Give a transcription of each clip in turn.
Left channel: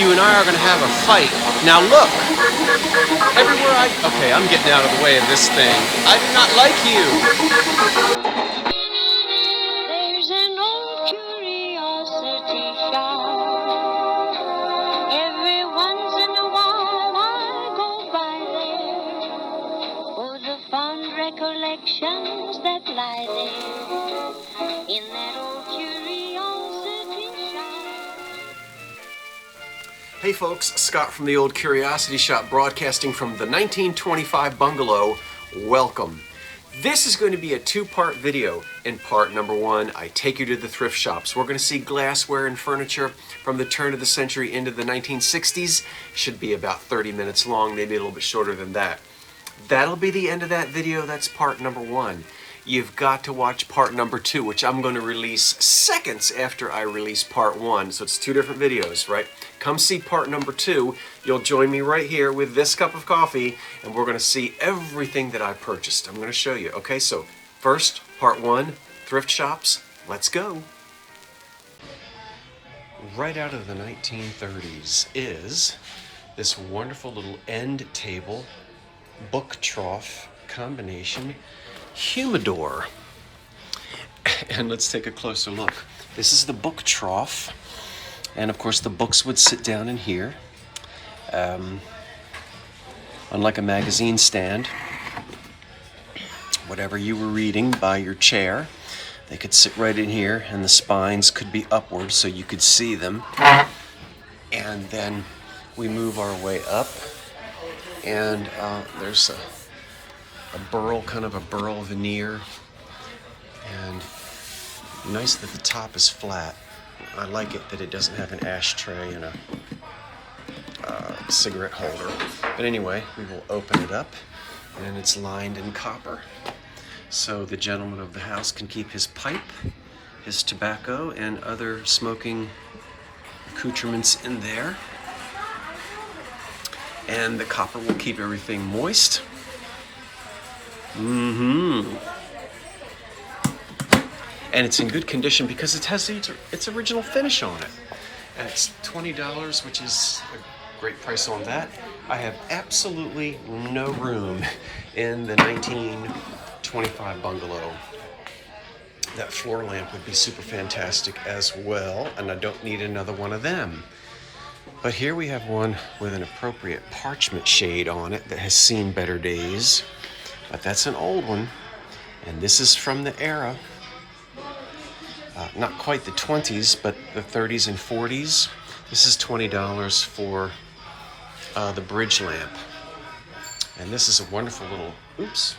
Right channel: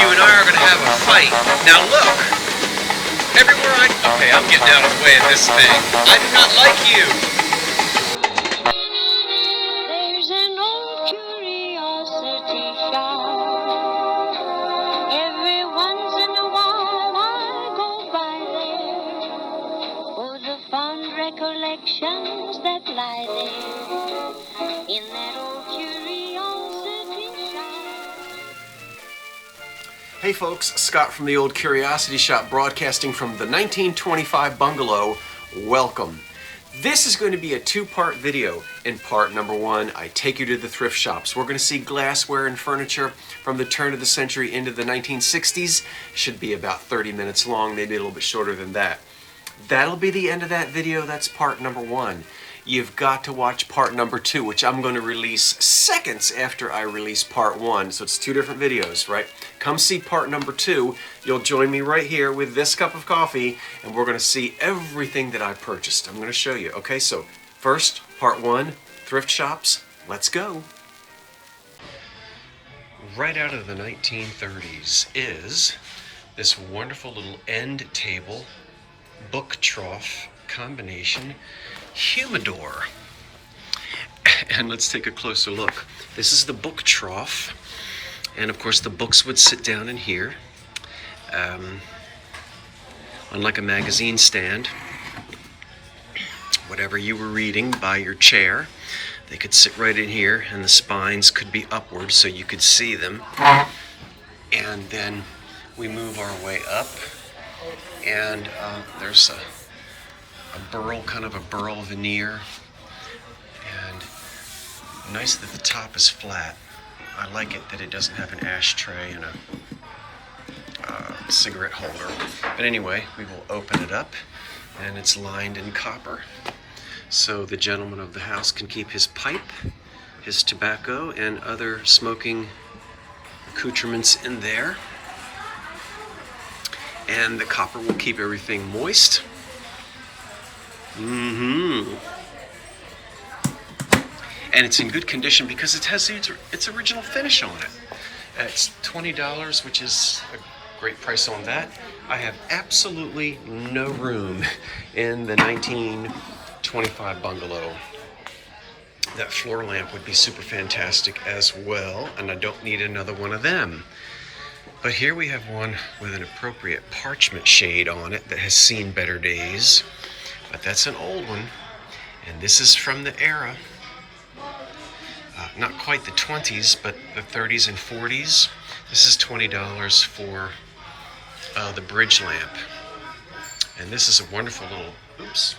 you and I are going to have a fight. Now look, everywhere okay, I'm getting out of the way of this thing. I do not like you. There's an old curiosity shop. Every once in a while I go by there for the fond recollections that lie there in that old curiosity shop. Hey folks, Scott from the Old Curiosity Shop, broadcasting from the 1925 bungalow. Welcome. This is going to be a two-part video. In part number one, I take you to the thrift shops. We're going to see glassware and furniture from the turn of the century into the 1960s. Should be about 30 minutes long, maybe a little bit shorter than that. That'll be the end of that video. That's part number one. You've got to watch part number two, which I'm going to release seconds after I release part one. So it's two different videos, right? Come see part number two. You'll join me right here with this cup of coffee, and we're going to see everything that I purchased. I'm going to show you. Okay, so first, part one, thrift shops. Let's go. Right out of the 1930s is this wonderful little end table book trough combination humidor. And let's take a closer look. This is the book trough, and of course the books would sit down in here, unlike a magazine stand. Whatever you were reading by your chair, they could sit right in here, and the spines could be upward so you could see them. And then we move our way up, and there's a burl, kind of a burl veneer, and nice that the top is flat. I like it that it doesn't have an ashtray and a cigarette holder. But anyway, we will open it up, and it's lined in copper. So the gentleman of the house can keep his pipe, his tobacco, and other smoking accoutrements in there. And the copper will keep everything moist. And it's in good condition because it has its original finish on it. And it's $20, which is a great price on that. I have absolutely no room in the 1925 bungalow. That floor lamp would be super fantastic as well, and I don't need another one of them. But here we have one with an appropriate parchment shade on it that has seen better days. But that's an old one, and this is from the era, not quite the 20s, but the 30s and 40s. This is $20 for the bridge lamp. And this is a wonderful little, oops,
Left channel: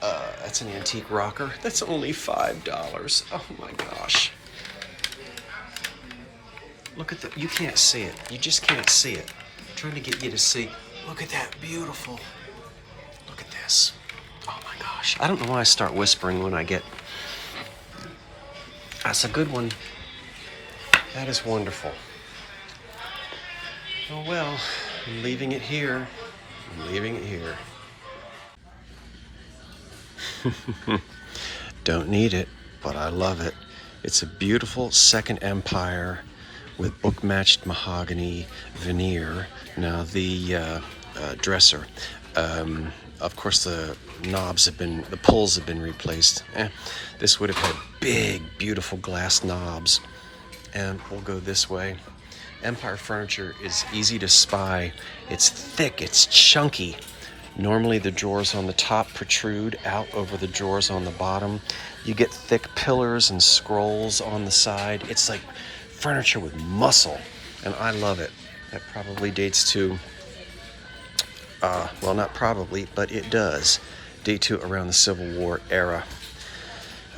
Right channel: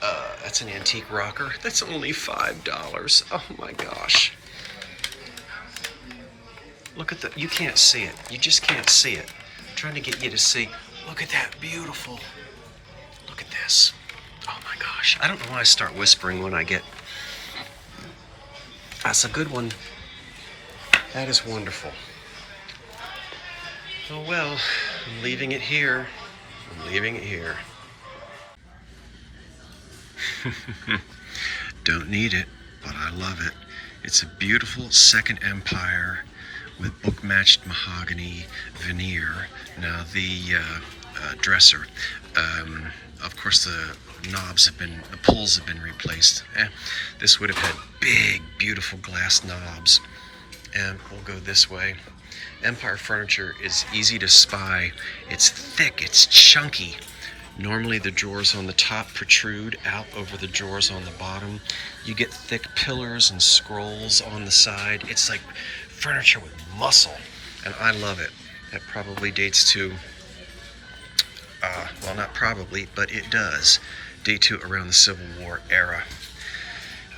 that's an antique rocker. That's only $5. Oh my gosh. Look at you can't see it. You just can't see it. I'm trying to get you to see. Look at that beautiful. Look at this. Oh my gosh. I don't know why I start whispering when I get... That's a good one. That is wonderful. Oh well, I'm leaving it here. I'm leaving it here. Don't need it, but I love it. It's a beautiful Second Empire with book-matched mahogany veneer. Now the dresser. Of course, the pulls have been replaced. This would have had big, beautiful glass knobs. And we'll go this way. Empire furniture is easy to spy. It's thick, it's chunky. Normally the drawers on the top protrude out over the drawers on the bottom. You get thick pillars and scrolls on the side. It's like furniture with muscle, and I love it. That probably dates to well, not probably, but it does date to around the Civil War era.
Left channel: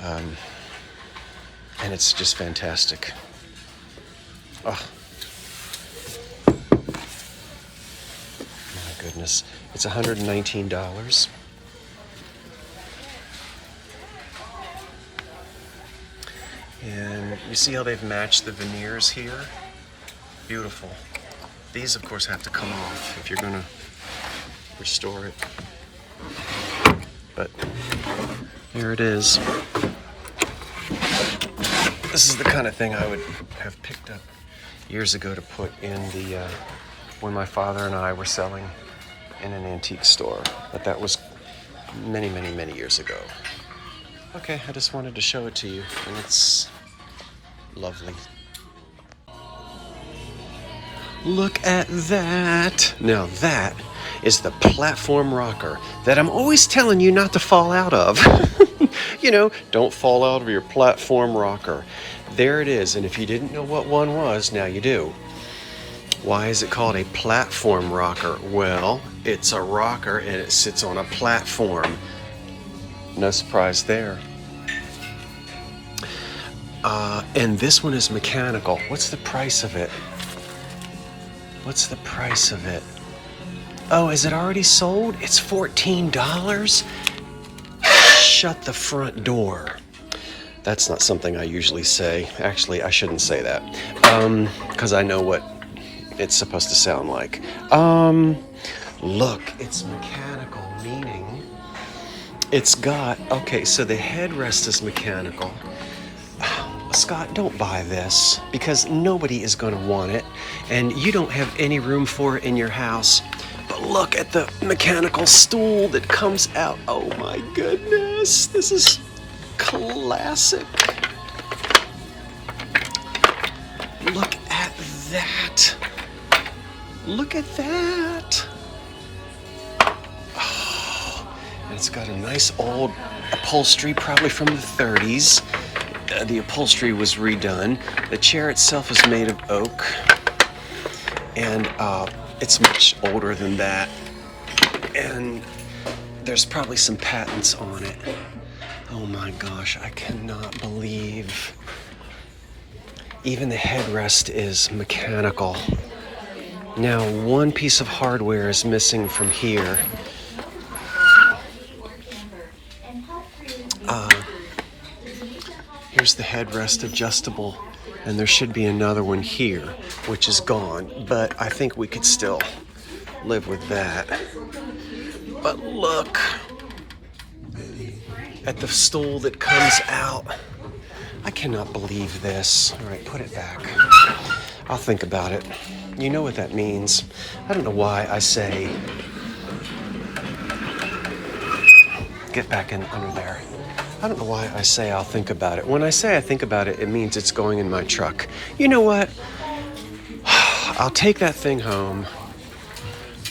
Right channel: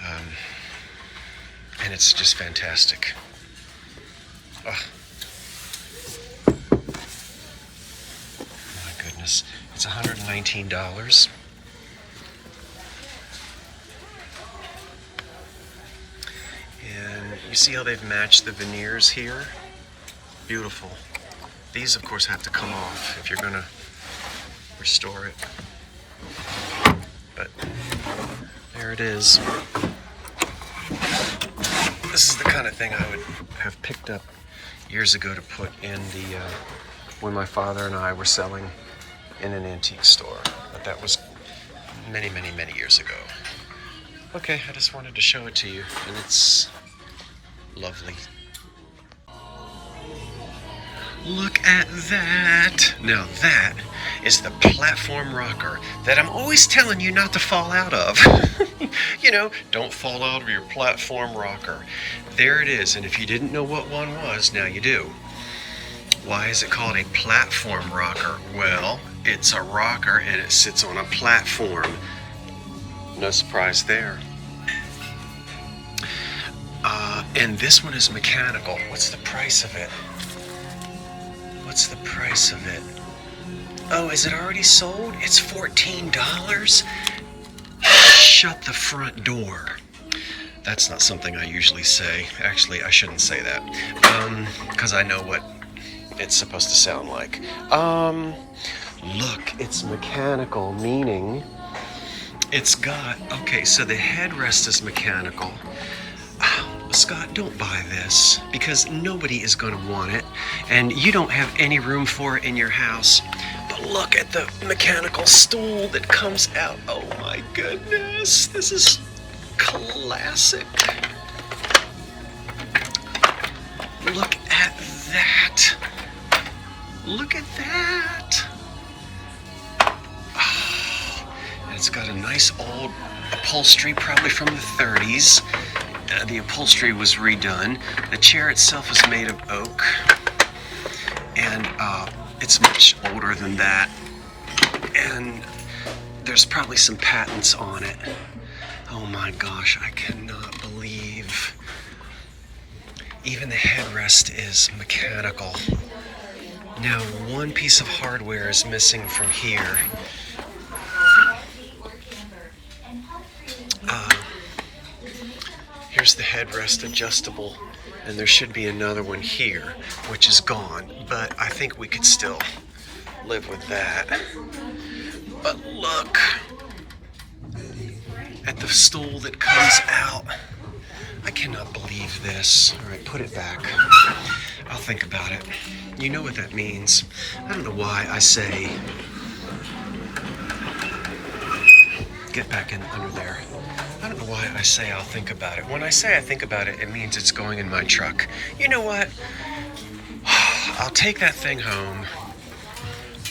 And it's just fantastic. Oh. My goodness. It's $119. And you see how they've matched the veneers here? Beautiful. These, of course, have to come off if you're going to restore it. But here it is. This is the kind of thing I would have picked up years ago to put in the, when my father and I were selling in an antique store. But that was many, many, many years ago. Okay, I just wanted to show it to you, and it's lovely. Look at that. Now that is the platform rocker that I'm always telling you not to fall out of. You know, don't fall out of your platform rocker. There it is, and if you didn't know what one was, now you do. Why is it called a platform rocker? Well, it's a rocker and it sits on a platform. No surprise there. And this one is mechanical. What's the price of it? What's the price of it? Oh, is it already sold? It's $14? Shut the front door. That's not something I usually say. Actually, I shouldn't say that. Because I know what it's supposed to sound like. Look, it's mechanical, meaning it's got, okay, so the headrest is mechanical. Scott, don't buy this because nobody is going to want it and you don't have any room for it in your house. But look at the mechanical stool that comes out. Oh my goodness, this is classic. Look at that. Look at that. Oh, and it's got a nice old upholstery, probably from the 30s. The upholstery was redone. The chair itself is made of oak, and it's much older than that. And there's probably some patents on it. Oh my gosh, I cannot believe. Even the headrest is mechanical. Now, one piece of hardware is missing from here. Here's the headrest adjustable, and there should be another one here, which is gone, but I think we could still live with that. But look at the stool that comes out. I cannot believe this. All right, put it back. I'll think about it. You know what that means. I don't know why I say, get back in under there. I don't know why I say I'll think about it. When I say I think about it, it means it's going in my truck. You know what? I'll take that thing home,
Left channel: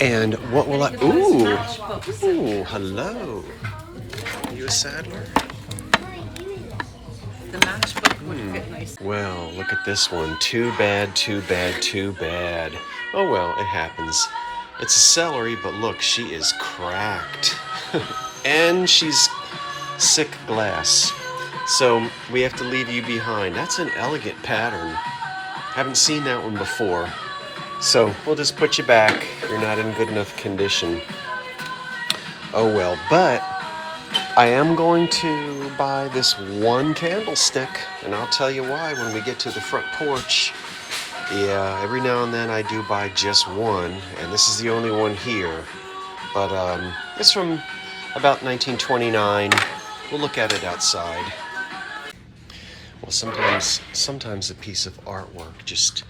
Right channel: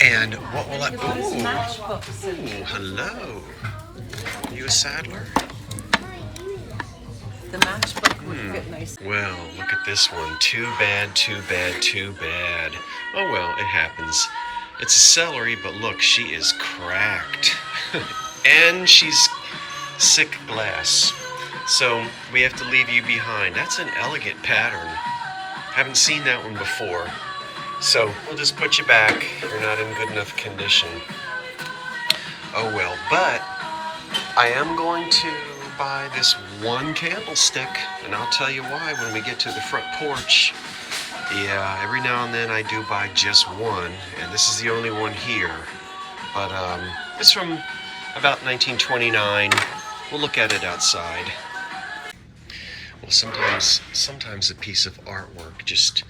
and what will I... Ooh, hello. You a saddler? The matchbook would fit nice. Well, look at this one. Too bad, too bad, too bad. Oh well, it happens. It's a celery, but look, she is cracked. And she's sick glass. So we have to leave you behind. That's an elegant pattern. Haven't seen that one before. So we'll just put you back. You're not in good enough condition. Oh well, but I am going to buy this one candlestick, and I'll tell you why when we get to the front porch. Yeah, every now and then I do buy just one, and this is the only one here. But it's from about 1929. We'll look at it outside. Well, sometimes a piece of artwork just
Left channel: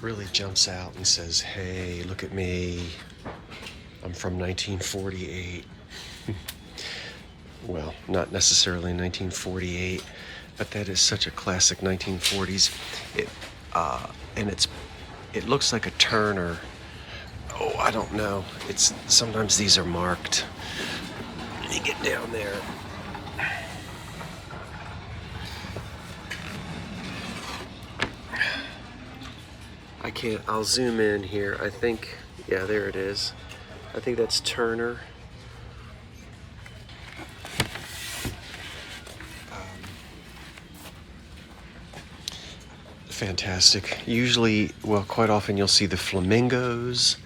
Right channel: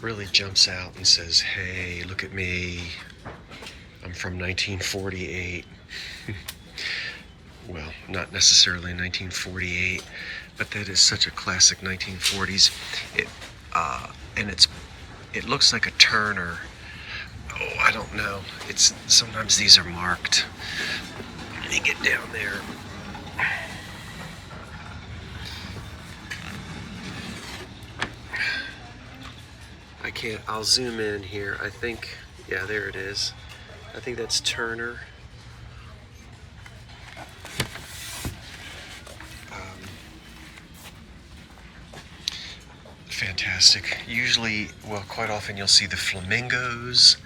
really jumps out and says, hey, look at me. I'm from 1948. Well, not necessarily 1948, but that is such a classic 1940s. It looks like a Turner. Oh, I don't know. Sometimes these are marked. Let me get down there. I can't, I'll zoom in here. I think, yeah, there it is. I think that's Turner. Fantastic. Usually, well, quite often you'll see the flamingos,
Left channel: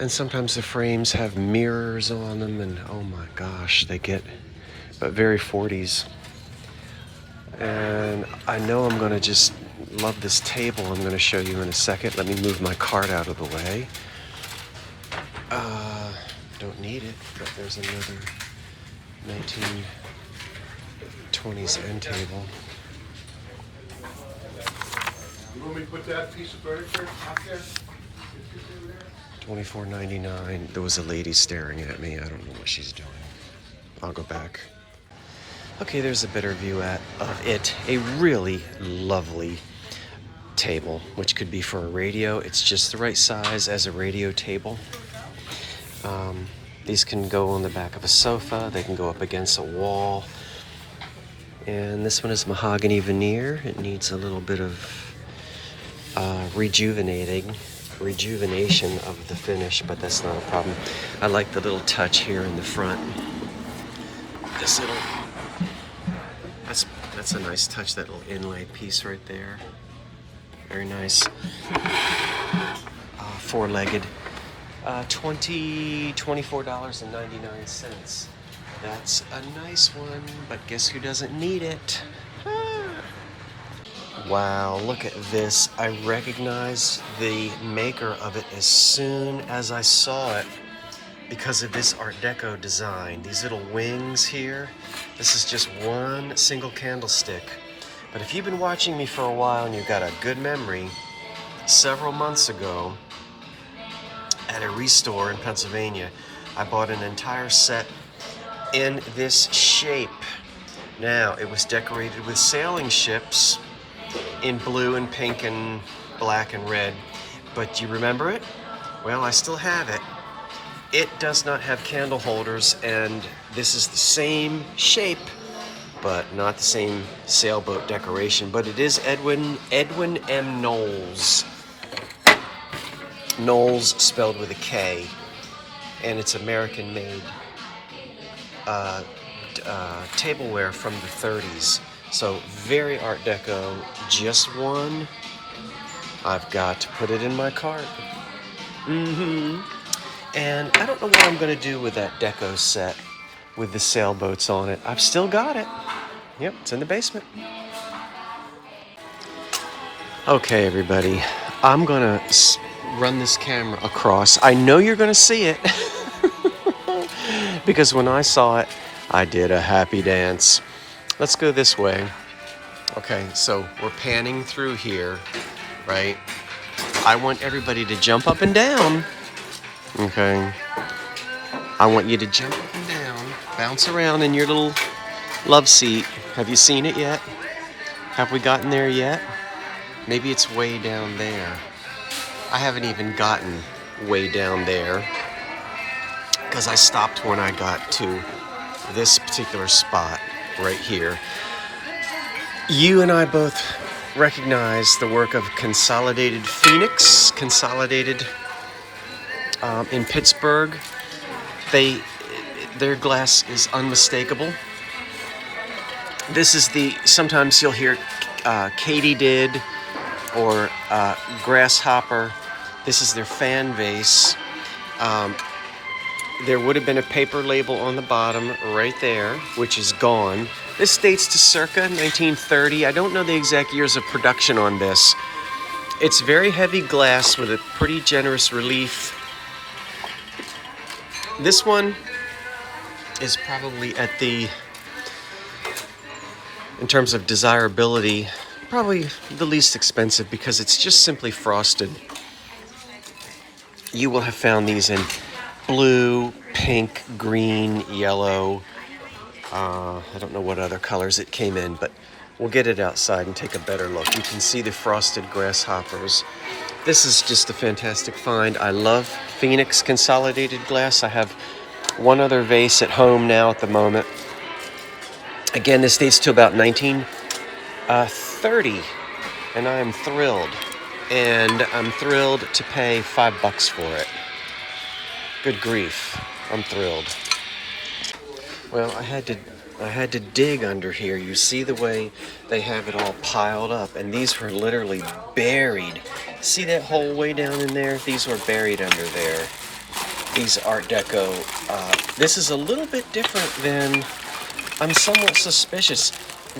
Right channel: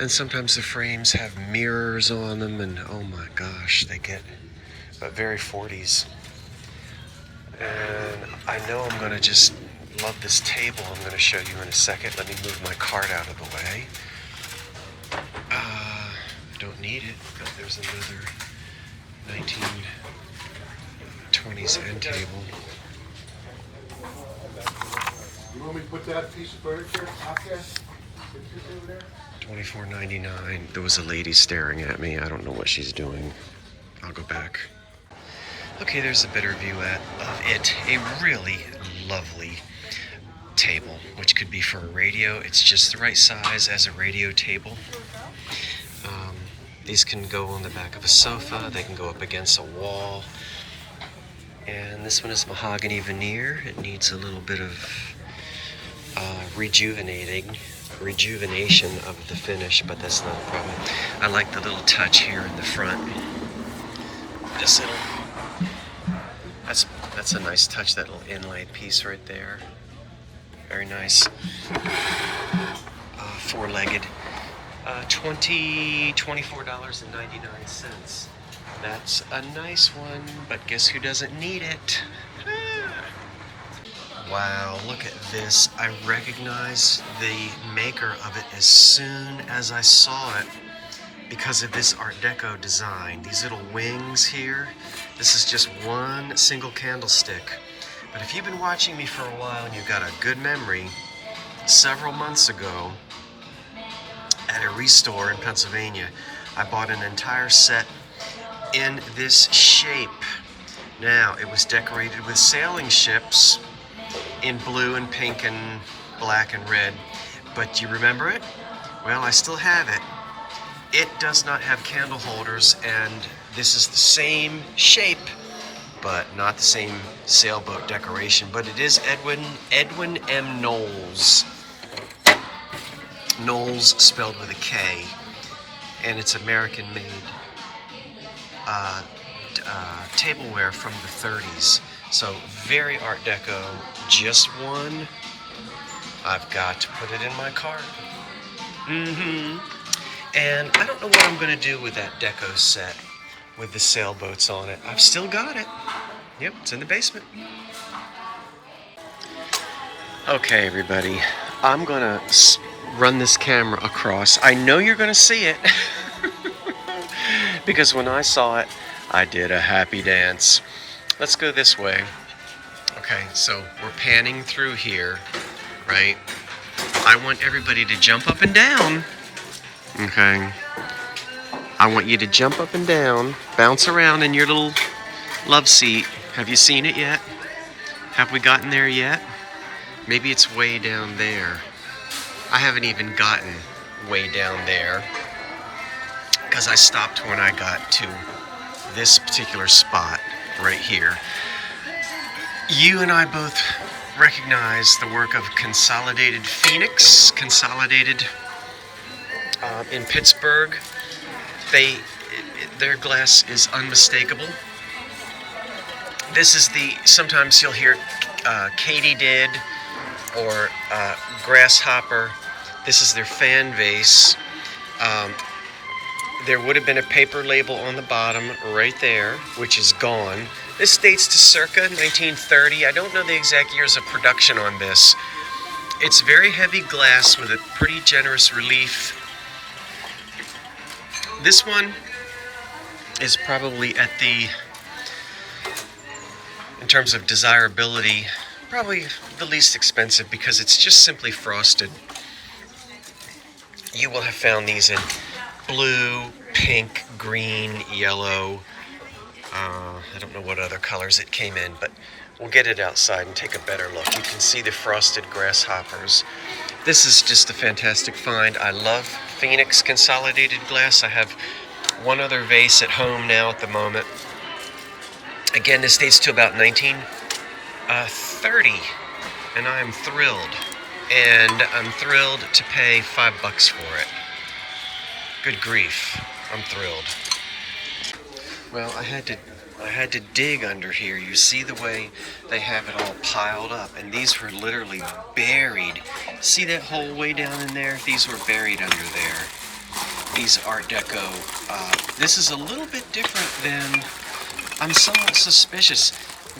and sometimes the frames have mirrors on them, and oh my gosh, they get very 40s. And I know I'm gonna just love this table I'm gonna show you in a second. Let me move my cart out of the way. Don't need it, but there's another 1920s end table. You want me to put that piece of furniture out there? $24.99. There was a lady staring at me. I don't know what she's doing. I'll go back. Okay, there's a better view of it. A really lovely table, which could be for a radio. It's just the right size as a radio table. These can go on the back of a sofa. They can go up against a wall. And this one is mahogany veneer. It needs a little bit of rejuvenation of the finish, but that's not a problem. I like the little touch here in the front. This little, that's a nice touch, that little inlay piece right there. Very nice. Four-legged. $24.99. That's a nice one, but guess who doesn't need it? Wow, look at this. I recognize the maker of it as soon as I saw it because of this Art Deco design. These little wings here, this is just one single candlestick. But if you've been watching me for a while and you've got a good memory, several months ago at a restore in Pennsylvania, I bought an entire set in this shape. Now, it was decorated with sailing ships in blue and pink and black and red. But do you remember it? Well, I still have it. It does not have candle holders, and this is the same shape, but not the same sailboat decoration. But it is Edwin M. Knowles. Knowles spelled with a K, and it's American-made tableware from the 30s. So very Art Deco. Just one. I've got to put it in my cart. And I don't know what I'm going to do with that Deco set with the sailboats on it. I've still got it. Yep, it's in the basement. Okay, everybody. I'm going to run this camera across. I know you're going to see it. Because when I saw it, I did a happy dance. Let's go this way. Okay, so we're panning through here, right? I want everybody to jump up and down. Okay. I want you to jump up and down, bounce around in your little love seat. Have you seen it yet? Have we gotten there yet? Maybe it's way down there. I haven't even gotten way down there because I stopped when I got to this particular spot right here. You and I both recognize the work of Consolidated Phoenix, in Pittsburgh. Their glass is unmistakable. This is sometimes you'll hear Katydid or Grasshopper. This is their fan vase. There would have been a paper label on the bottom right there, which is gone. This dates to circa 1930. I don't know the exact years of production on this. It's very heavy glass with a pretty generous relief. This one is probably in terms of desirability, probably the least expensive because it's just simply frosted. You will have found these in blue, pink, green, yellow. I don't know what other colors it came in, but we'll get it outside and take a better look. You can see the frosted grasshoppers. This is just a fantastic find. I love Phoenix Consolidated glass. I have one other vase at home now at the moment. Again, this dates to about 1930, and I am thrilled. And I'm thrilled to pay $5 for it. Good grief, I'm thrilled. Well, I had to dig under here. You see the way they have it all piled up, and these were literally buried. See that hole way down in there? These were buried under there. These Art Deco. This is a little bit different than, I'm somewhat suspicious.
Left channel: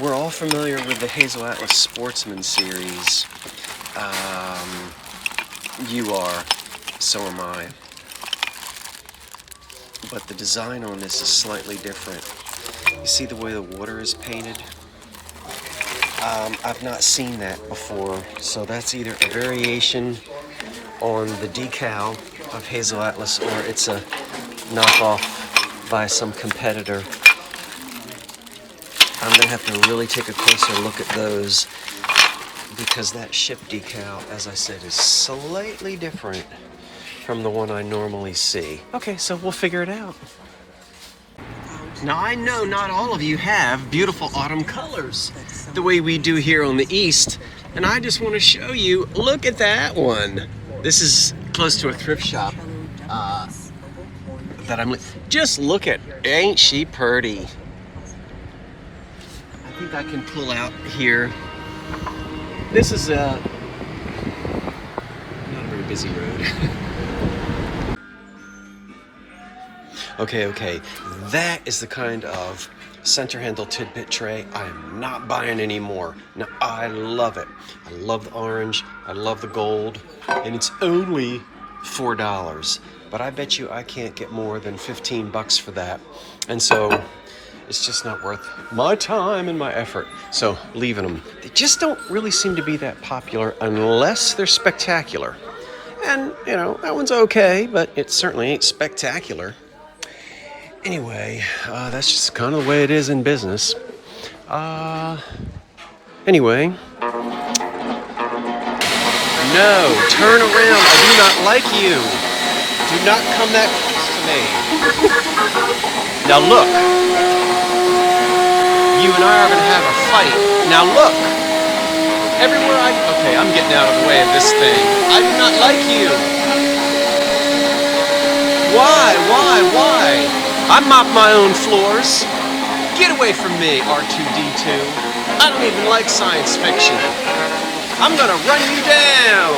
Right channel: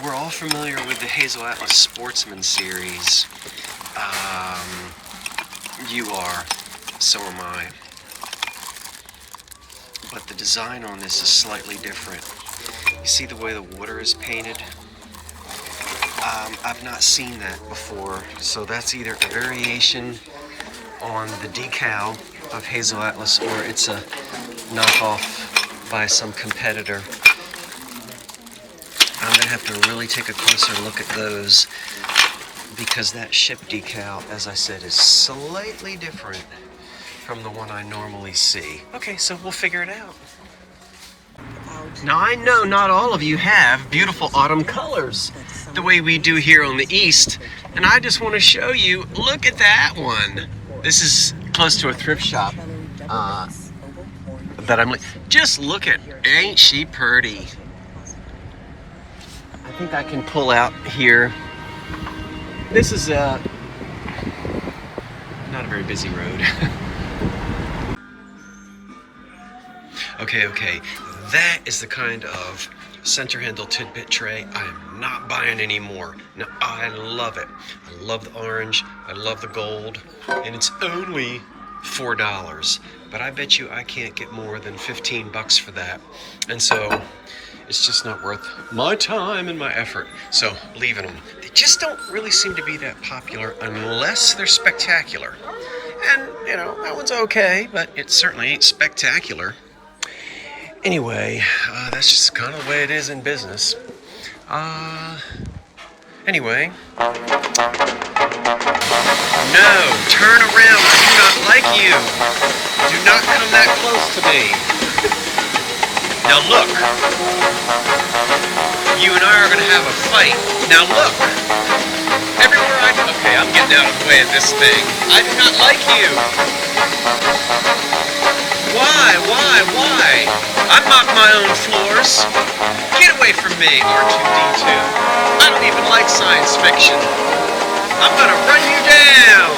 We're all familiar with the Hazel Atlas Sportsman series. You are, so am I. But the design on this is slightly different. You see the way the water is painted? I've not seen that before. So that's either a variation on the decal of Hazel Atlas or it's a knockoff by some competitor. I'm gonna have to really take a closer look at those because that ship decal, as I said, is slightly different from the one I normally see. Okay, so we'll figure it out. Now I know not all of you have beautiful autumn colors the way we do here on the East, and I just want to show you, look at that one. This is close to a thrift shop that I'm, just look at, ain't she pretty? I think I can pull out here. This is not a very busy road. Okay, that is the kind of center handle tidbit tray I am not buying anymore. Now, I love it. I love the orange, I love the gold, and it's only $4. But I bet you I can't get more than 15 bucks for that. And so, it's just not worth my time and my effort. So, leaving them. They just don't really seem to be that popular unless they're spectacular. And, you know, that one's okay, but it certainly ain't spectacular. Anyway, that's just kind of the way it is in business. Anyway. No, turn around. I do not like you. Do not come that close to me. Now look. You and I are going to have a fight. Now look. Everywhere I go. Okay, I'm getting out of the way of this thing. I do not like you. Why? I mop my own floors. Get away from me, R2-D2. I don't even like science fiction. I'm gonna run you down.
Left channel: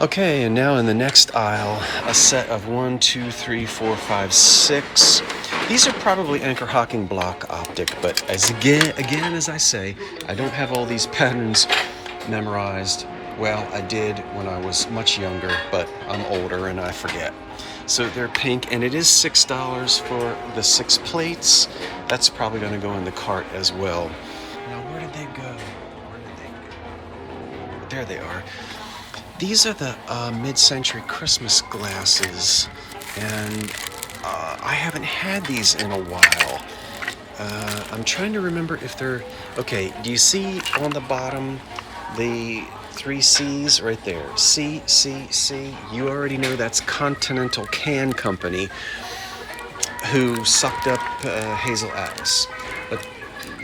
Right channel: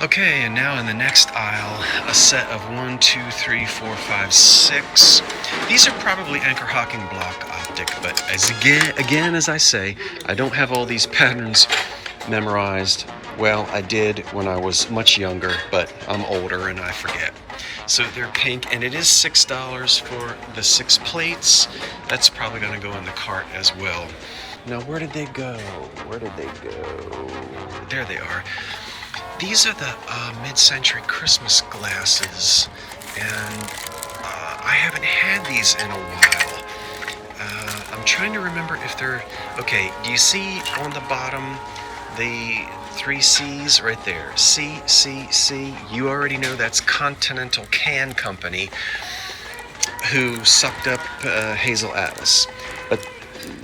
Okay, and now in the next aisle, a set of 1, 2, 3, 4, 5, 6. These are probably anchor hocking block optic, but as I say, I don't have all these patterns memorized. Well, I did when I was much younger, but I'm older and I forget. So they're pink, and it is $6 for the 6 plates. That's probably going to go in the cart as well. Now, where did they go? There they are. These are the mid-century Christmas glasses, and I haven't had these in a while. I'm trying to remember if they're... Okay, do you see on the bottom the 3 C's right there? C. You already know that's Continental Can Company, who sucked up Hazel Atlas. But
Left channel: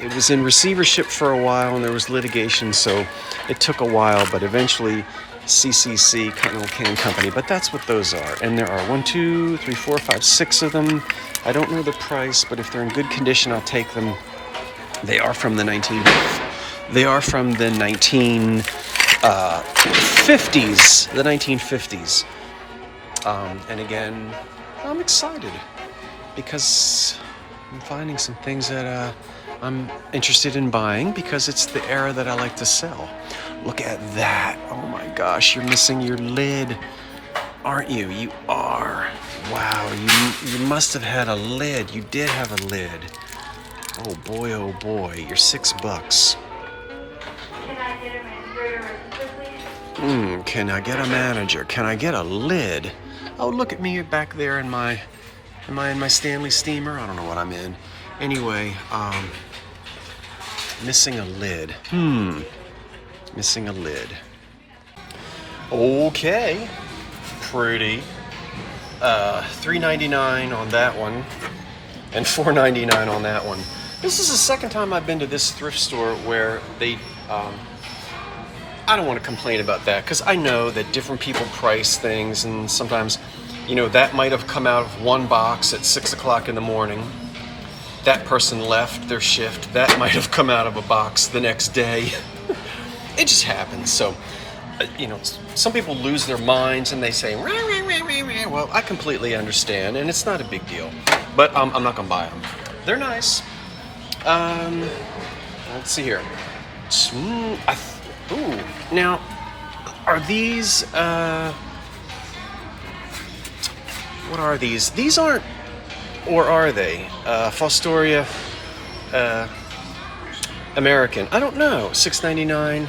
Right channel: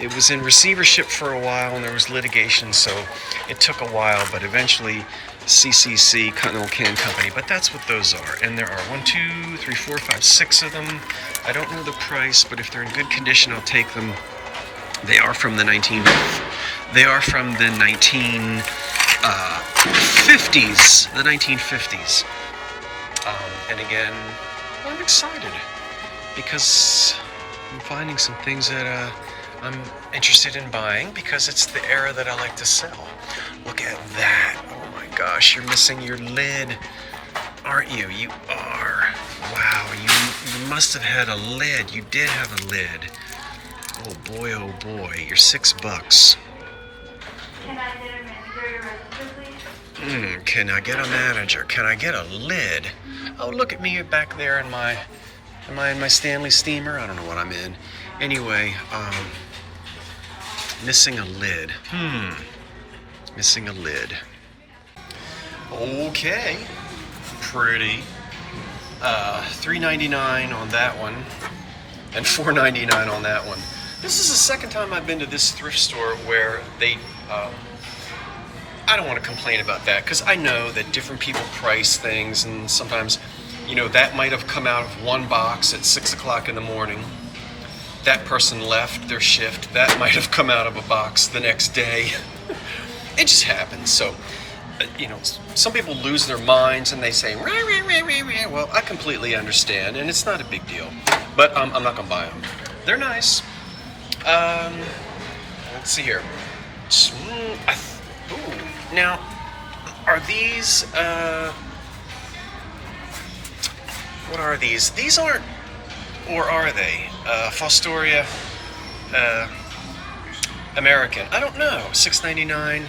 it was in receivership for a while, and there was litigation, so it took a while, but eventually CCC, Continental Can Company, but that's what those are. And there are 1, 2, 3, 4, 5, 6 of them. I don't know the price, but if they're in good condition, I'll take them. They are from the 1950s. The 1950s. And again, I'm excited because I'm finding some things that I'm interested in buying because it's the era that I like to sell. Look at that. Oh my gosh, you're missing your lid, aren't you? You are. Wow, you must have had a lid. You did have a lid. Oh boy, you're $6. Can I get a manager? Can I get a lid? Oh, look at me back there in my... Am I in my Stanley steamer? I don't know what I'm in. Anyway, missing a lid. Missing a lid. Okay. Pretty. $3.99 on that one. And $4.99 on that one. This is the second time I've been to this thrift store where they... I don't want to complain about that because I know that different people price things, and sometimes, you know, that might have come out of one box at 6 o'clock in the morning. That person left their shift. That might have come out of a box the next day. It just happens. So, you know, some people lose their minds and they say, rah, rah, rah, rah, rah. Well, I completely understand, and it's not a big deal. But I'm not going to buy them. They're nice. Let's see here. Now, are these, what are these? These aren't, or are they? Fostoria, American? I don't know. $6.99.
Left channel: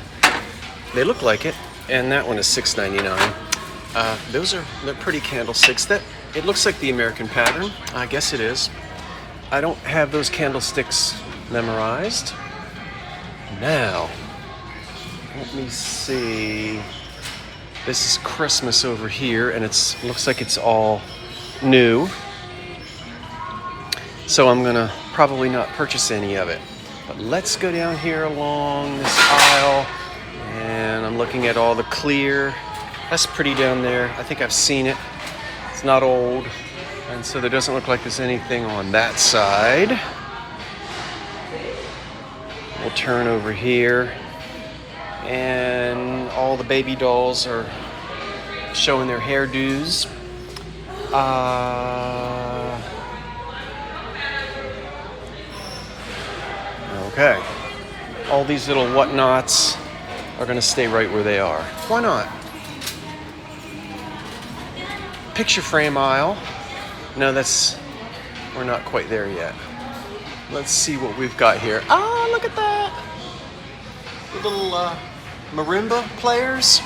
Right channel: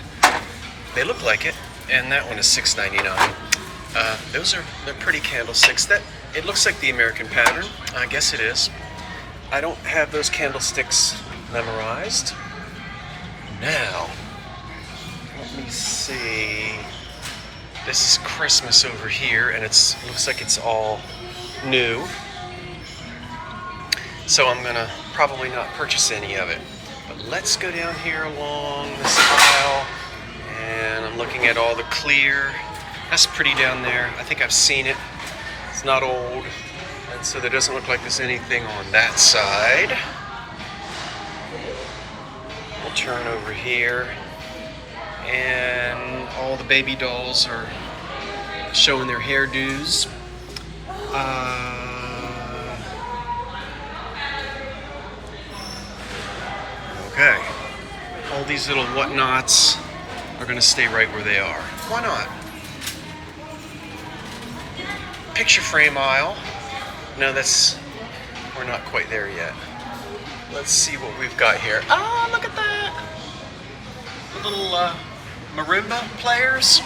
They look like it. And that one is $6.99. They're pretty candlesticks. It looks like the American pattern. I guess it is. I don't have those candlesticks memorized. Now, let me see. This is Christmas over here, and looks like it's all new. So I'm gonna probably not purchase any of it. But let's go down here along this aisle, and I'm looking at all the clear. That's pretty down there. I think I've seen it. It's not old, and so there doesn't look like there's anything on that side. I'll turn over here, and all the baby dolls are showing their hairdos. Okay. All these little whatnots are gonna stay right where they are. Why not? Picture frame aisle. No, we're not quite there yet. Let's see what we've got here. Oh, look at that. Little marimba players.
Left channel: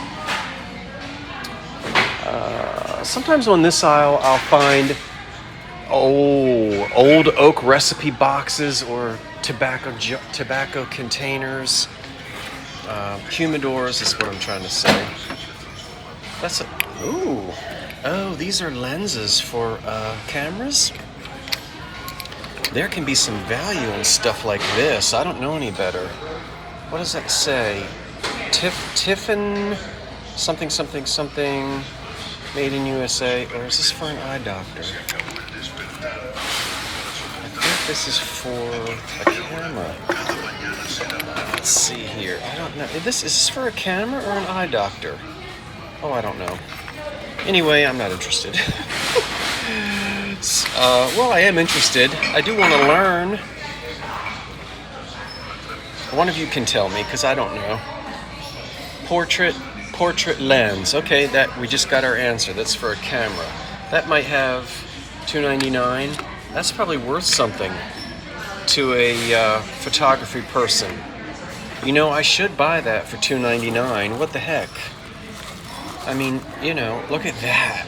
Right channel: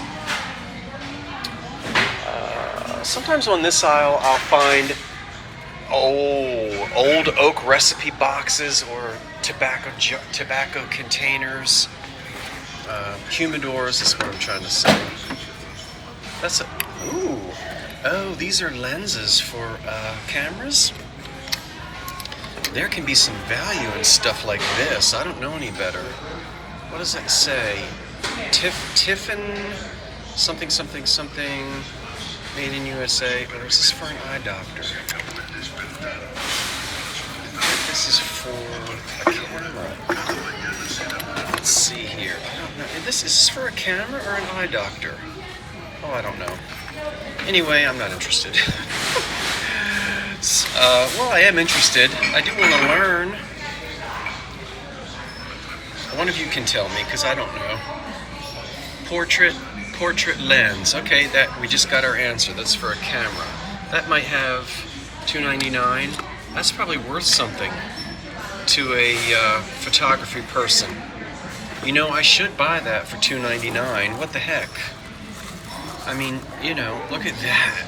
Sometimes on this aisle I'll find old oak recipe boxes or tobacco containers. Humidors is what I'm trying to say. Oh, these are lenses for cameras. There can be some value in stuff like this. I don't know any better. What does that say? Tiffin something something made in USA, or is this for an eye doctor? I think this is for a camera. Let's see here. I don't know. Is this for a camera or an eye doctor? Oh, I don't know. Anyway, I'm not interested. Well, I am interested. I do want to learn. One of you can tell me, because I don't know. Portrait lens. Okay, that we just got our answer. That's for a camera. That might have $2.99. That's probably worth something to a photography person. You know, I should buy that for $2.99. What the heck? I mean, you know, look at that.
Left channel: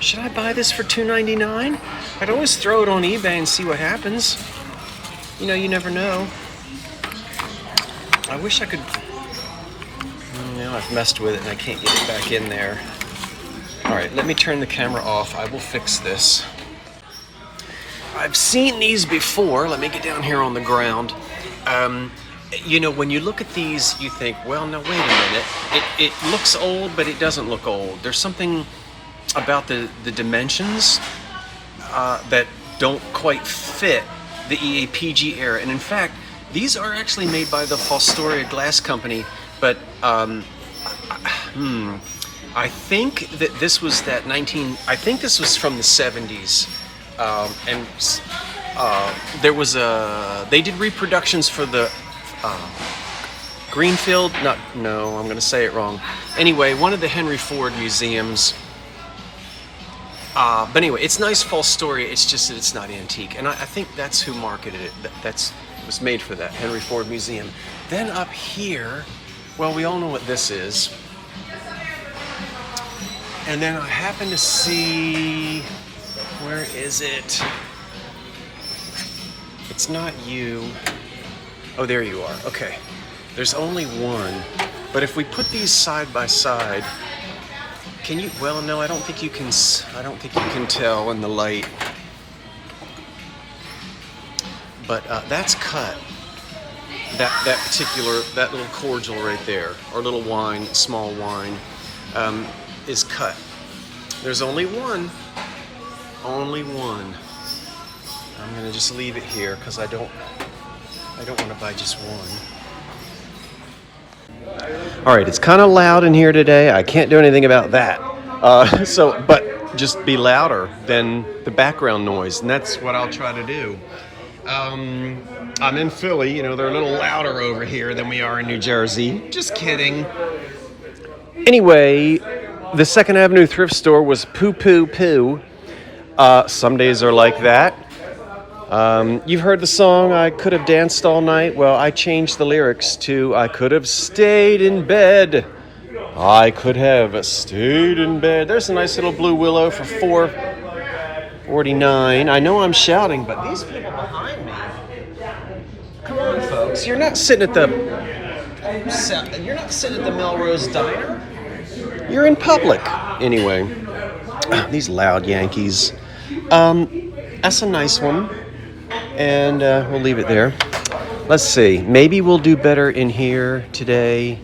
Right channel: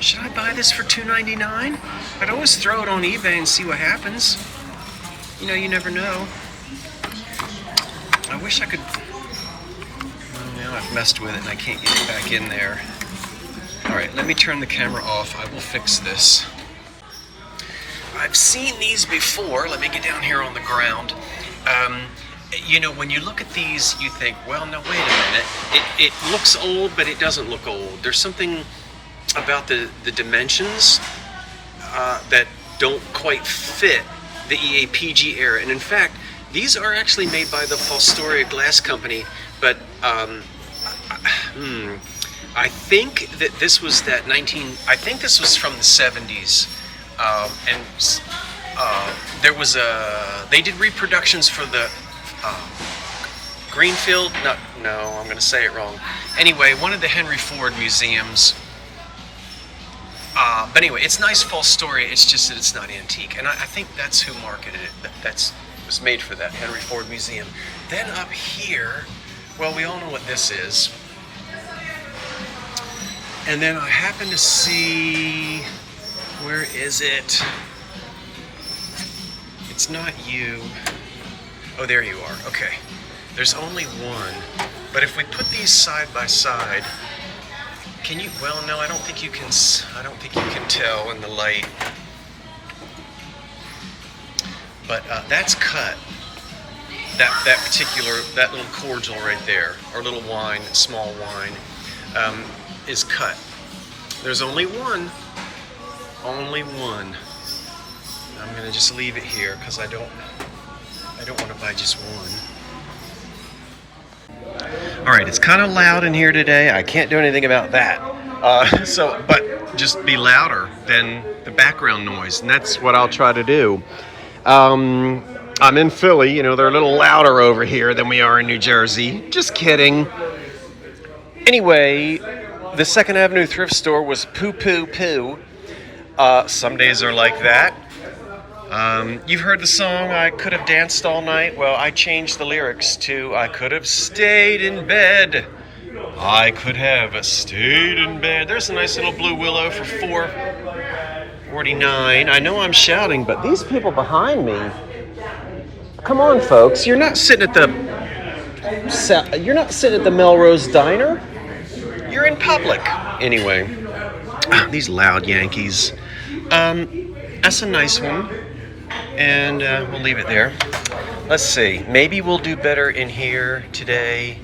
Should I buy this for $2.99? I'd always throw it on eBay and see what happens. You know, you never know. I wish I could. Now I've messed with it and I can't get it back in there. All right, let me turn the camera off. I will fix this. I've seen these before. Let me get down here on the ground. You know, when you look at these, you think, well, no, wait a minute. It looks old, but it doesn't look old. There's something about the dimensions that don't quite fit the EAPG era. And in fact, these are actually made by the Fostoria Glass Company, but I think that this was I think this was from the 70s. And there was they did reproductions for the Greenfield, I'm going to say it wrong. Anyway, one of the Henry Ford museums. But anyway, it's nice false story. It's just that it's not antique, and I think that's who marketed it. It was made for that Henry Ford Museum. Then up here, well, we all know what this is. And then I happen to see, where is it? It's not you. Oh, there you are. Okay. There's only one. But if we put these side by side, can you? Well, no, I don't think you can tell in the light. But that's cut. That little cordial right there, or little wine, small wine, is cut. There's only one. Only one. I'm gonna just leave it here because I don't want to buy just one. All right, it's kind of loud in here today. I can't do anything about that. But just be louder than the background noise, and that's what I'll try to do. I'm in Philly. You know, they're a little louder over here than we are in New Jersey. Just kidding. Anyway, the 2nd Avenue thrift store was poo. Some days are like that. You've heard the song, I Could Have Danced All Night. Well, I changed the lyrics to I could have stayed in bed. I could have stayed in bed. There's a nice little blue willow for $4.49. I know I'm shouting, but these people behind me, come on, folks. You're not sitting at the Melrose Diner. You're in public. Anyway, these loud Yankees. That's a nice one. And we'll leave it there. Let's see. Maybe we'll do better in here today.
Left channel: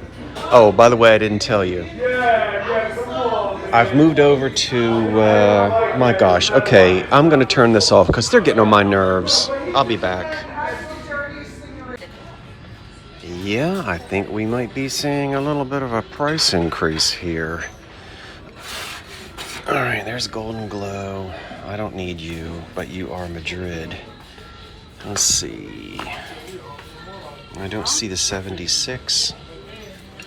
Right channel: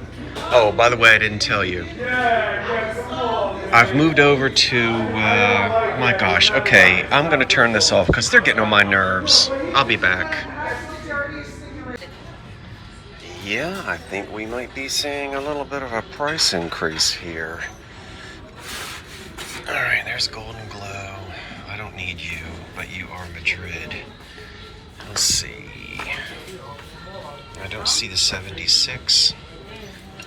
Oh, by the way, I didn't tell you. I've moved over to, my gosh. Okay, I'm going to turn this off because they're getting on my nerves. I'll be back. Yeah, I think we might be seeing a little bit of a price increase here. All right, there's Golden Glow. I don't need you, but you are Madrid. Let's see. I don't see the 76,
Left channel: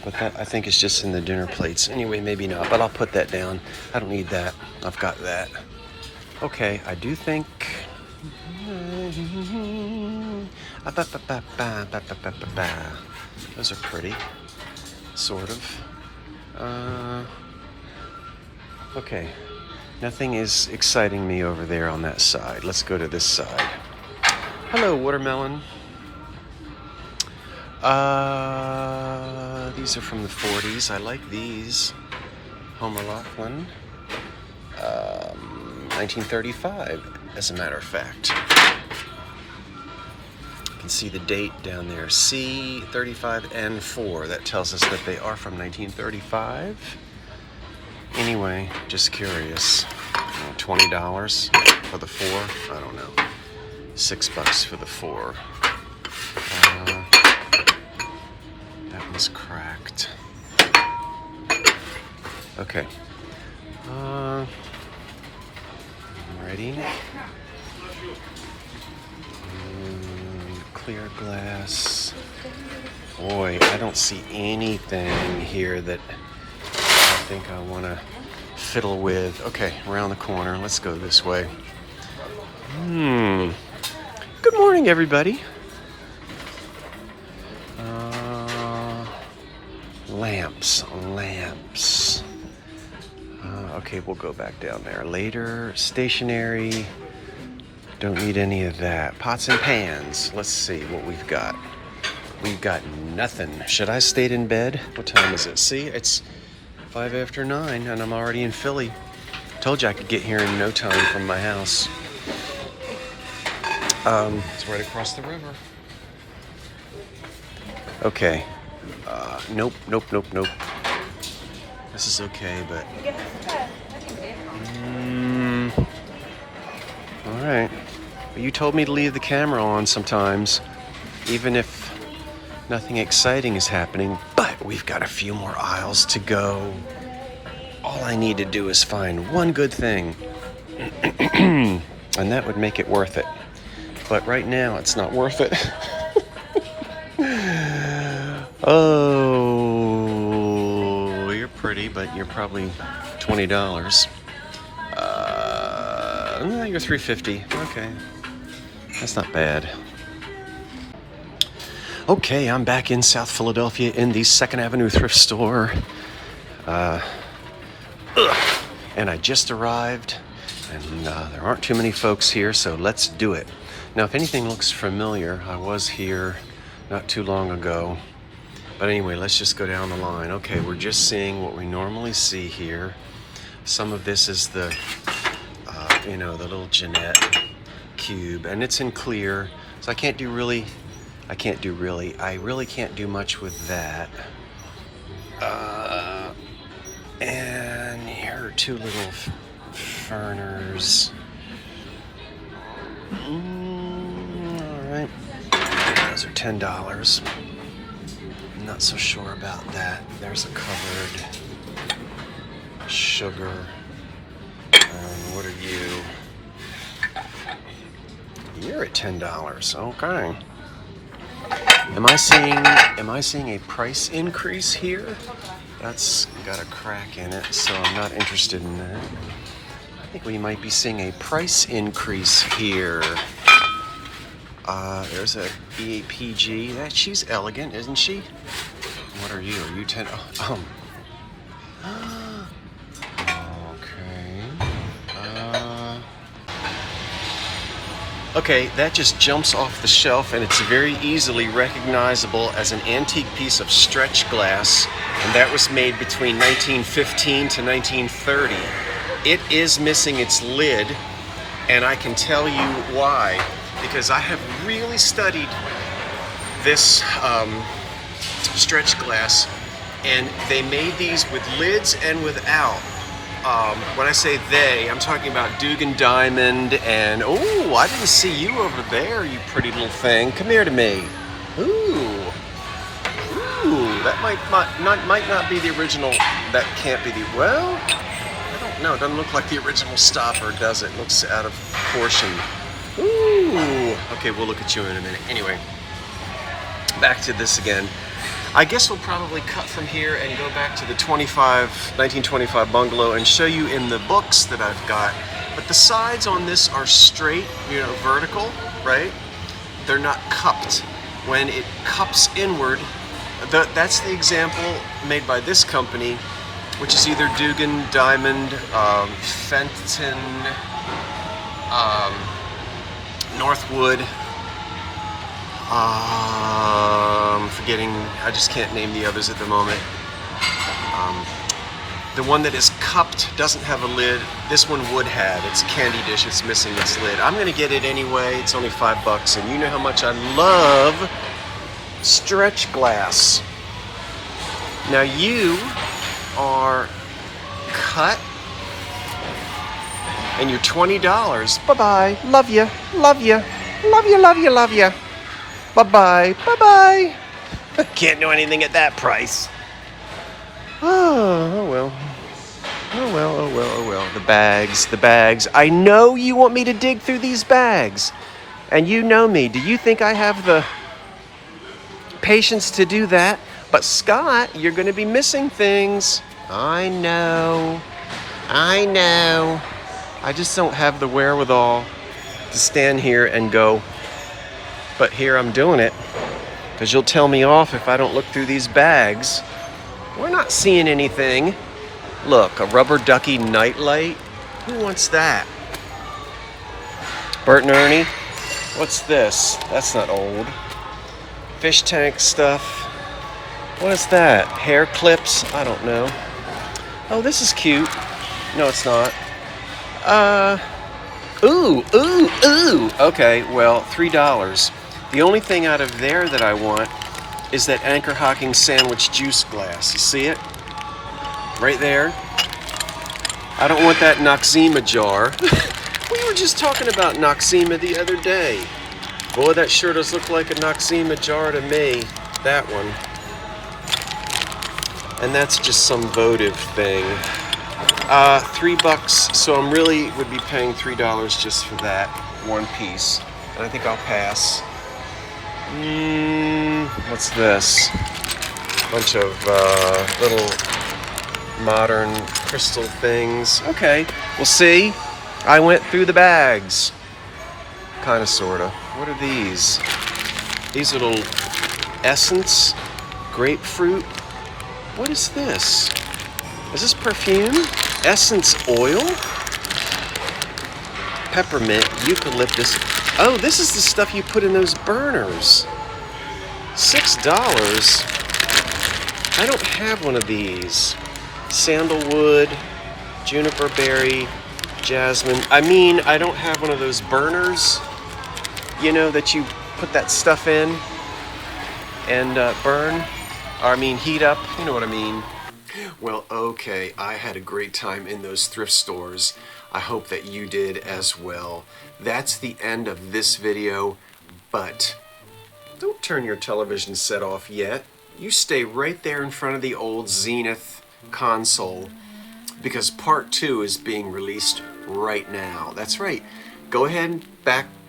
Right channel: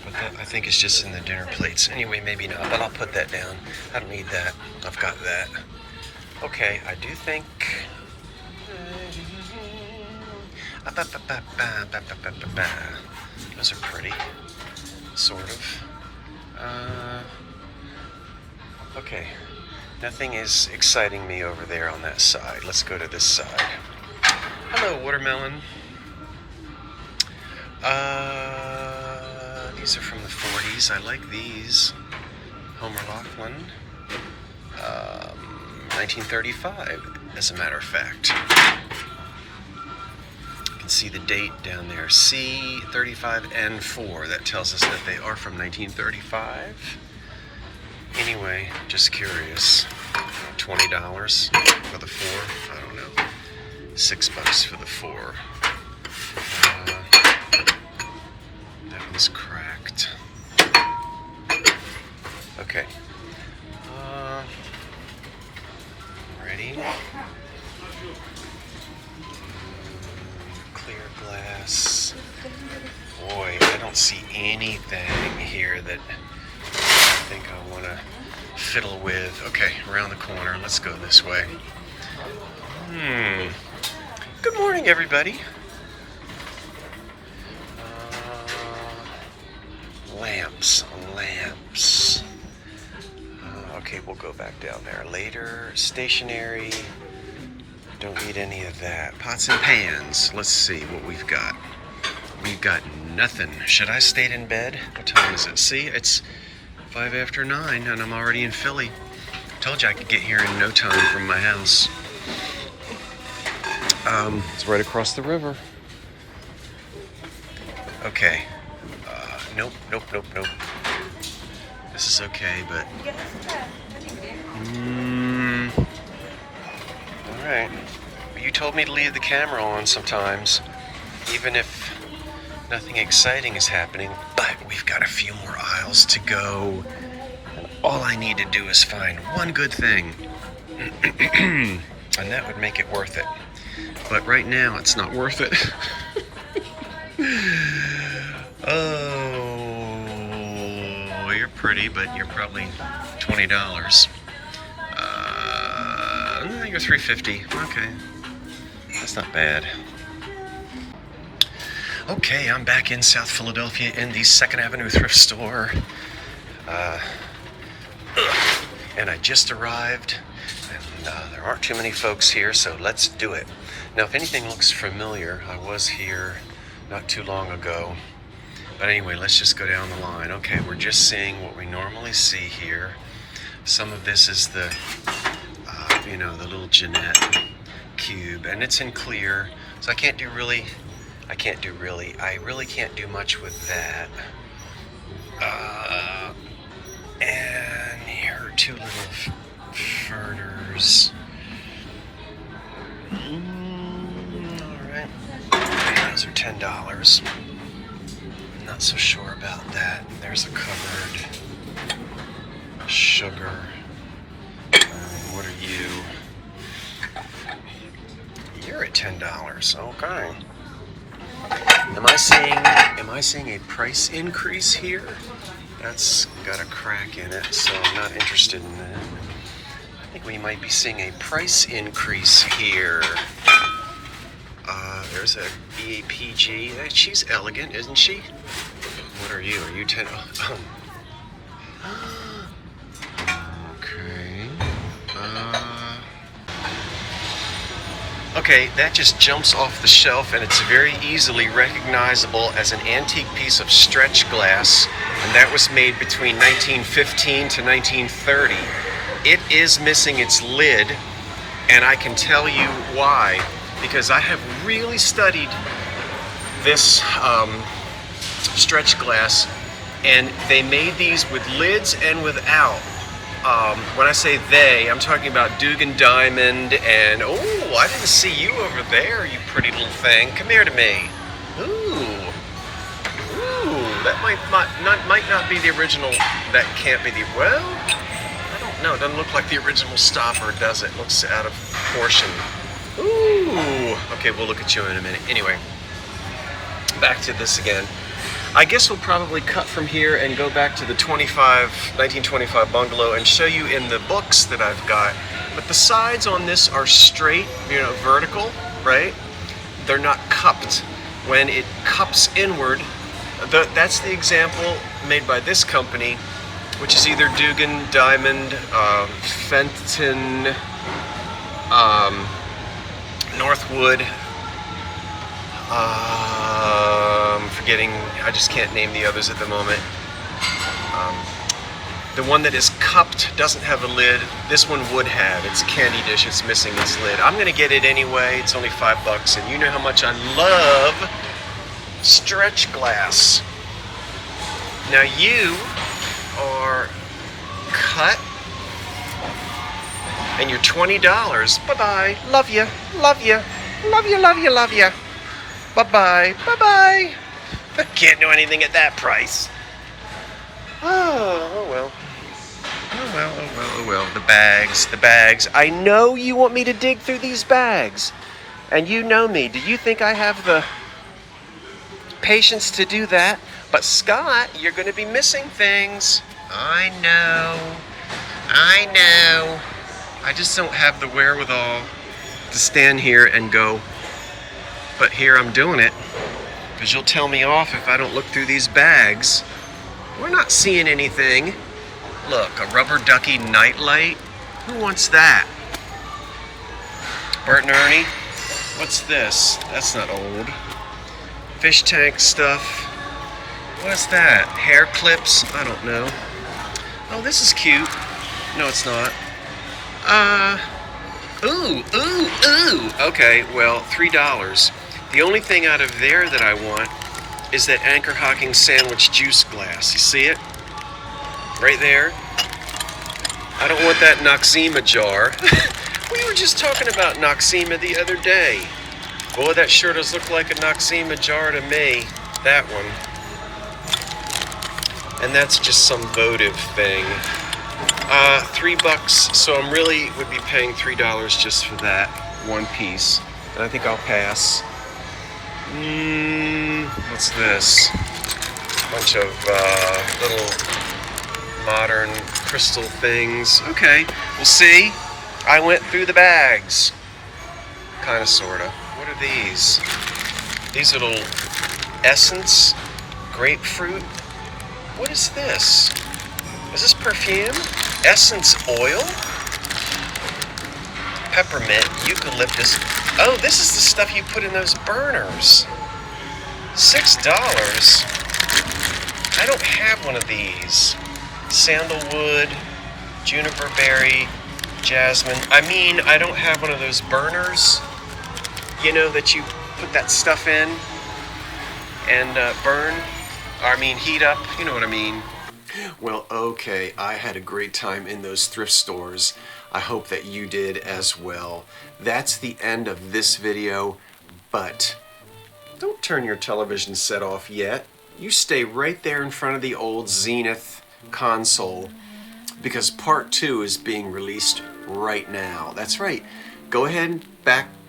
but that I think is just in the dinner plates. Anyway, maybe not, but I'll put that down. I don't need that. I've got that. Okay, I do think. Those are pretty, sort of. Okay, nothing is exciting me over there on that side. Let's go to this side. Hello, watermelon. These are from the 40s. I like these. Homer Laughlin. 1935, as a matter of fact. You can see the date down there. C35N4. That tells us that they are from 1935. Anyway, just curious. $20 for the 4? I don't know. $6 for the 4. That one's cracked. Okay. Ready? Clear glass. Boy, I don't see anything here that I think I want to fiddle with. Okay, around the corner. Let's go this way. Good morning, everybody. Lamps. Okay, we'll go back down there later. Stationery. Don't need any of that. Pots and pans. Let's see what we've got. We've got nothing. Should I stayed in bed? What time is it? See, it's 5 after 9 and I'm already in Philly. Told you I could get here in no time from my house. It's right across the river. Okay. Nope. This is okay, but... Alright. Well, you told me to leave the camera on sometimes, even if nothing exciting is happening, but we've got a few more aisles to go. All I need to do is find one good thing, and that would make it worth it. But right now, it's not worth it. Oh, you're pretty, but you're probably $20. No, you're $3.50. Okay, that's not bad. Okay, I'm back in South Philadelphia in the 2nd Avenue thrift store. And I just arrived, and there aren't too many folks here, so let's do it. Now, if anything looks familiar, I was here not too long ago. But anyway, let's just go down the line. Okay, we're just seeing what we normally see here. Some of this is the, the little Jeanette cube, and it's in clear, so I really can't do much with that. And here are two little furners. Alright. Those are $10. I'm not so sure about that. There's a cupboard. Sugar. What are you? You're at $10. Okay. Am I seeing a price increase here? That's got a crack in it, so I'm not interested in that. I think we might be seeing a price increase here. There's a EAPG. She's elegant, isn't she? What are you? Are you 10? Oh. Okay. Okay, that just jumps off the shelf, and it's very easily recognizable as an antique piece of stretch glass, and that was made between 1915 to 1930. It is missing its lid, and I can tell you why, because I have really studied this stretch glass, and they made these with lids and without. When I say they, I'm talking about Dugan Diamond and, oh, I didn't see you over there, you pretty little thing. Come here to me. Ooh, that might not be the original. That can't be the, well, I don't know. It doesn't look like the original stopper, does it? Looks out of proportion. Ooh, okay, we'll look at you in a minute. Anyway, back to this again. I guess we'll probably cut from here and go back to the 1925 bungalow and show you in the books that I've got. But the sides on this are straight, vertical, right? They're not cupped. When it cups inward, that's the example made by this company, which is either Dugan Diamond, Fenton, Northwood, forgetting, I just can't name the others at the moment. The one that is cupped doesn't have a lid. This one would have. It's a candy dish. It's missing its lid. I'm gonna get it anyway. It's only $5, and you know how much I love stretch glass. Now you are cut, and you're $20. Bye-bye. Love you. Love you. Love you, love you, love you. Bye-bye. Bye-bye. Can't do anything at that price. Oh well. Oh well, oh well, oh well. The bags. I know you want me to dig through these bags. And you know me. Do you think I have the patience to do that? But Scott, you're going to be missing things. I know. I just don't have the wherewithal to stand here and go, but here I'm doing it, because you'll tell me off if I don't look through these bags. We're not seeing anything. Look, a rubber ducky nightlight. Who wants that? Bert and Ernie? What's this? That's not old. Fish tank stuff. What is that? Hair clips? I don't know. Oh, this is cute. No, it's not. Ooh. Okay, well, $3. The only thing out of there that I want is that Anchor Hocking sandwich juice glass. You see it? Right there. I don't want that Noxzema jar. We were just talking about Noxzema the other day. Boy, that sure does look like a Noxzema jar to me. That one. And that's just some votive thing. $3, so I'm really would be paying $3 just for that one piece. And I think I'll pass. What's this? Bunch of little modern crystal things. Okay, we'll see. I went through the bags. Kinda, sorta. What are these? These little essence, grapefruit. What is this? Is this perfume? Essence oil? Peppermint, eucalyptus. Oh, this is the stuff you put in those burners. $6? I don't have one of these. Sandalwood, juniper berry, jasmine. I mean, I don't have one of those burners, that you put that stuff in and burn. I mean, heat up. You know what I mean. Well, okay, I had a great time in those thrift stores. I hope that you did as well. That's the end of this video, but don't turn your television set off yet. You stay right there in front of the old Zenith console, because part 2 is being released right now. That's right. Go ahead and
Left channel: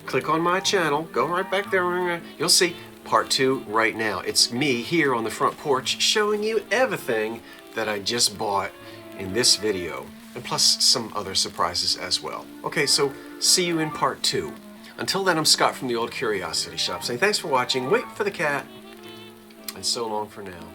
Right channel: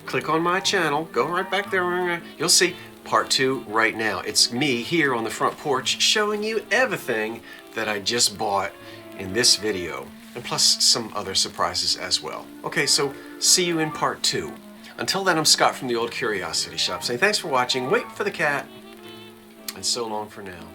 click on my channel. Go right back there. You'll see part 2 right now. It's me here on the front porch showing you everything that I just bought in this video, and plus some other surprises as well. Okay, so see you in part 2. Until then, I'm Scott from the Old Curiosity Shop saying thanks for watching, wait for the cat, and so long for now.